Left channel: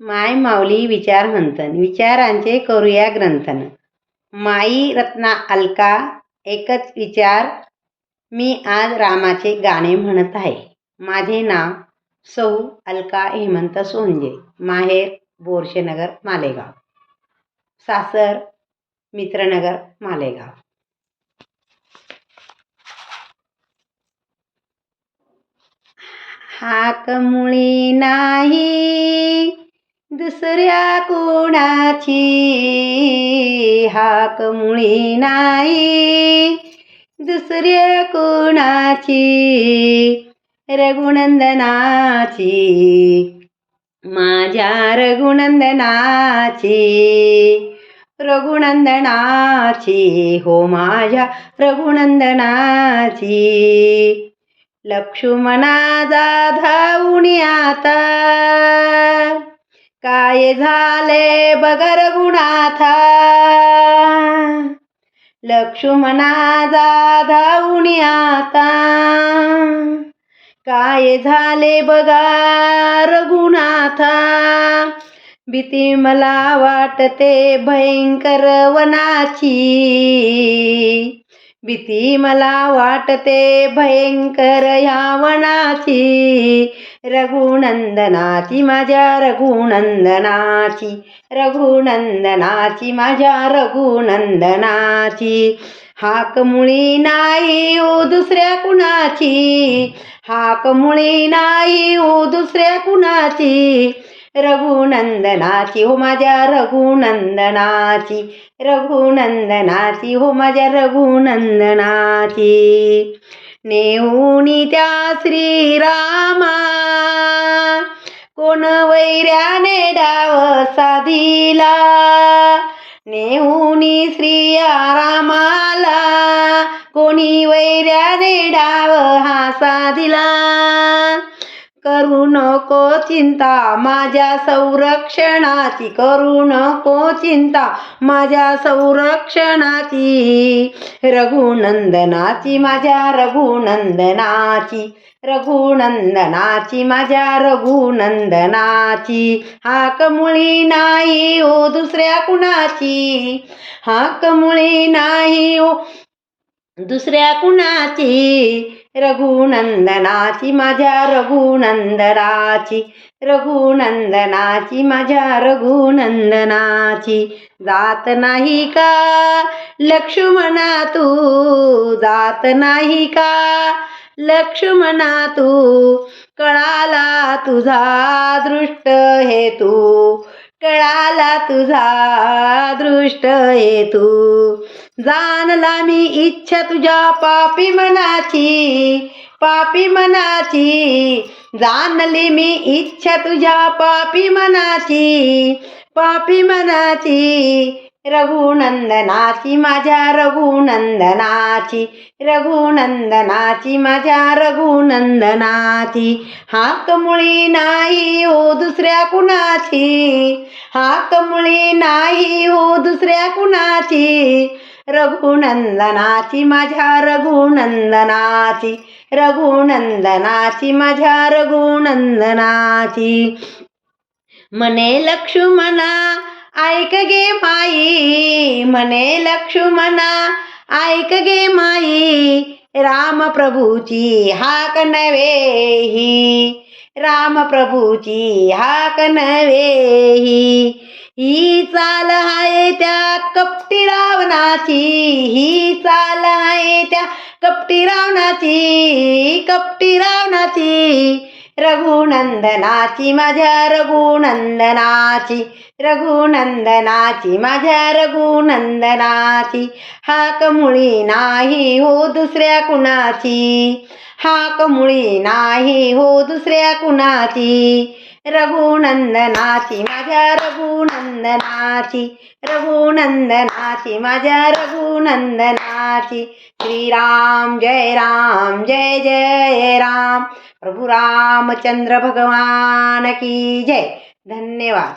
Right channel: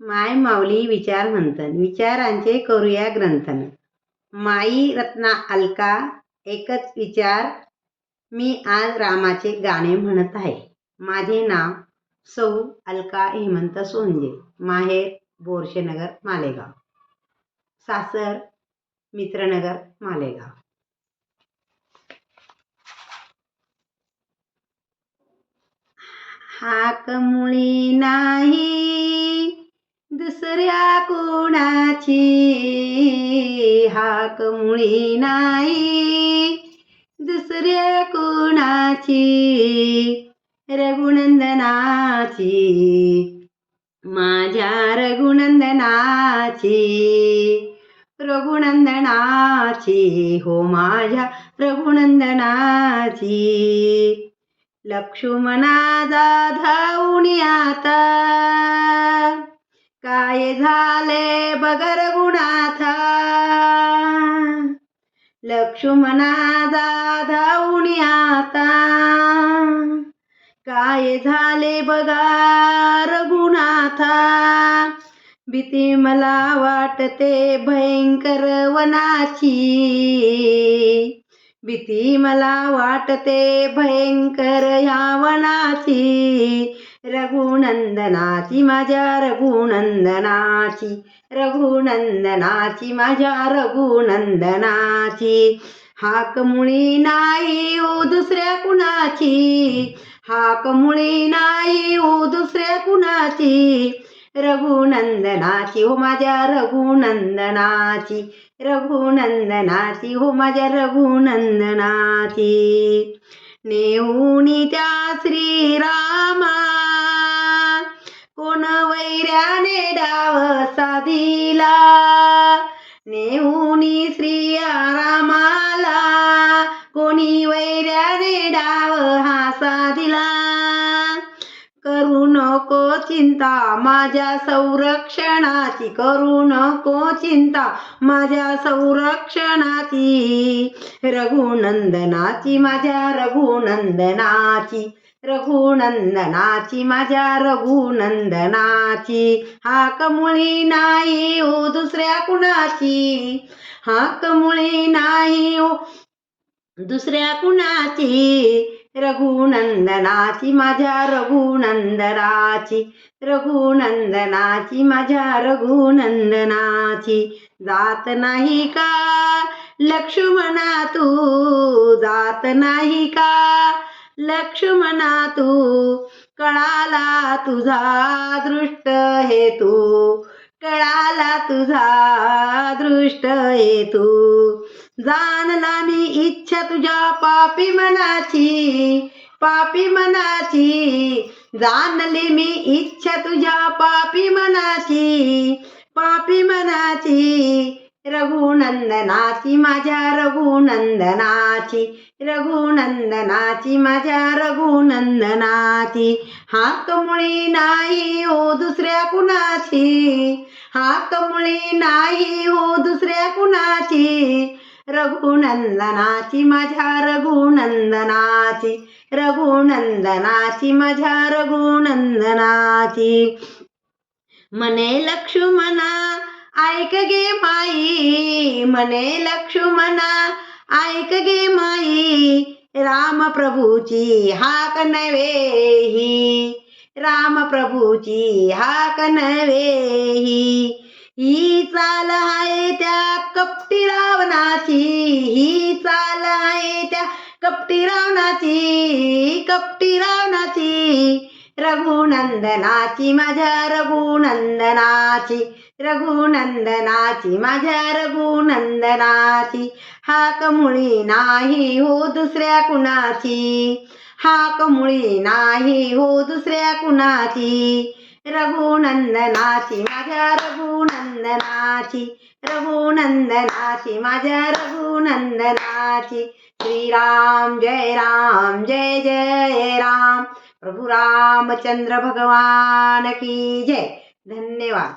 माय माऊली विचार मंथन विचारांचे करूया ग्रंथन. माई रत्ना अलका एकच विचार. मी आज रामाचे गाणे म्हणत आहे. माझे नाव सौ अलका हेमंत सोंजे. माहेर बोरशेनगर मालेगाव. सासर मित्रनगर मालेगाव. हाक मुळी नाही दुसऱ्या कोणाची, हाक मुळी नाही दुसऱ्या कोणाची, रघुनंदनाची माझ्या रघुनंदनाची, रघुनंदनाची हो माझ्या रघुनंदनाची. लक्ष्मणाचा धावून आता काय झाले बघ रघुनाथा, लक्ष्मणाचा धावून आता काय झाले बघा रघुनाथा. भीती मला वाटते भयंकर वनाची, भीती मला वाटते भयंकर ह्या वनाची, रघुनंदनाची माझ्या रघुनंदनाची, रघुनंदनाची माझ्या रघुनंदनाची. हाक मुळी नाही ओ दुसऱ्या कुणाची, हाक मुळी नाही ओ दुसऱ्या कुणाची, रघुनंदनाची हो माझ्या रघुनंदनाची, रघुनंदनाची हो माझ्या रघुनंदनाची. नेऊनी त्या श्रीरामा कोण वैऱ्याने डाव साधिला, नेऊनी श्रीरामाला कोणी वैऱ्याने डाव हा साधिला. करू नको चिंता माझ्या संरक्षणाची, करू नको चिंता माझ्या संरक्षणाची, रघुनंदनाची माझ्या रघुनंदनाची, रघुनंदनाची माझ्या रघुनंदनाची. हाक मुळी नाही ओ दुसऱ्या कुणाची, हाक मुळी नाही ओ दुसऱ्या कुणाची, रघुनंदनाची माझ्या रघुनंदनाची, रघुनंदनाची माझ्या रघुनंदनाची. जात नाही का लक्ष्मणा तू, जात नाही का लक्ष्मणा तू, कळाला तुझा दृष्ट हेतू, कळाला तुझा दृष्ट हेतू. जाणला मी इच्छा तुझ्या पापी मनाची, पापी मनाची, जाणली मी इच्छा तुझ्या पापी मनाची, पापी मनाची, रघुनंदनाची माझ्या रघुनंदनाची, रघुनंदनाची माझ्या रघुनंदनाची. हाक मुळी नाही ओ दुसऱ्या कुणाची, हाक मुळी नाही ओ दुसऱ्या कुणाची, रघुनंदनाची माझ्या रघुनंदनाची, रघुनंदनाची माझ्या रघुनंदनाची. म्हणे लक्ष्मणा ऐक गे माई, म्हणे लक्ष्मणा ऐक गे माई, राम प्रभूची हाक नव्हे ही, राम प्रभूची हाक नव्हे ही चाल आहे त्या कपटी रावणाची, ही चाल आहे त्या कपटी रावणाची, कपटी रावणाची, रघुनंदनाची माझ्या रघुनंदनाची, रघुनंदनाची माझ्या रघुनंदनाची. हाक मुळी नाही हो दुसऱ्या कुणाची, हाक मुळी नाही हो दुसऱ्या कुणाची, रघुनंदनाची माझ्या रघुनंदनाची, रघुनंदनाची माझ्या रघुनंदनाची. श्रीराम जय राम जय जय राम, प्रभु रामचंद्र भगवान की जय. धन्यवाद.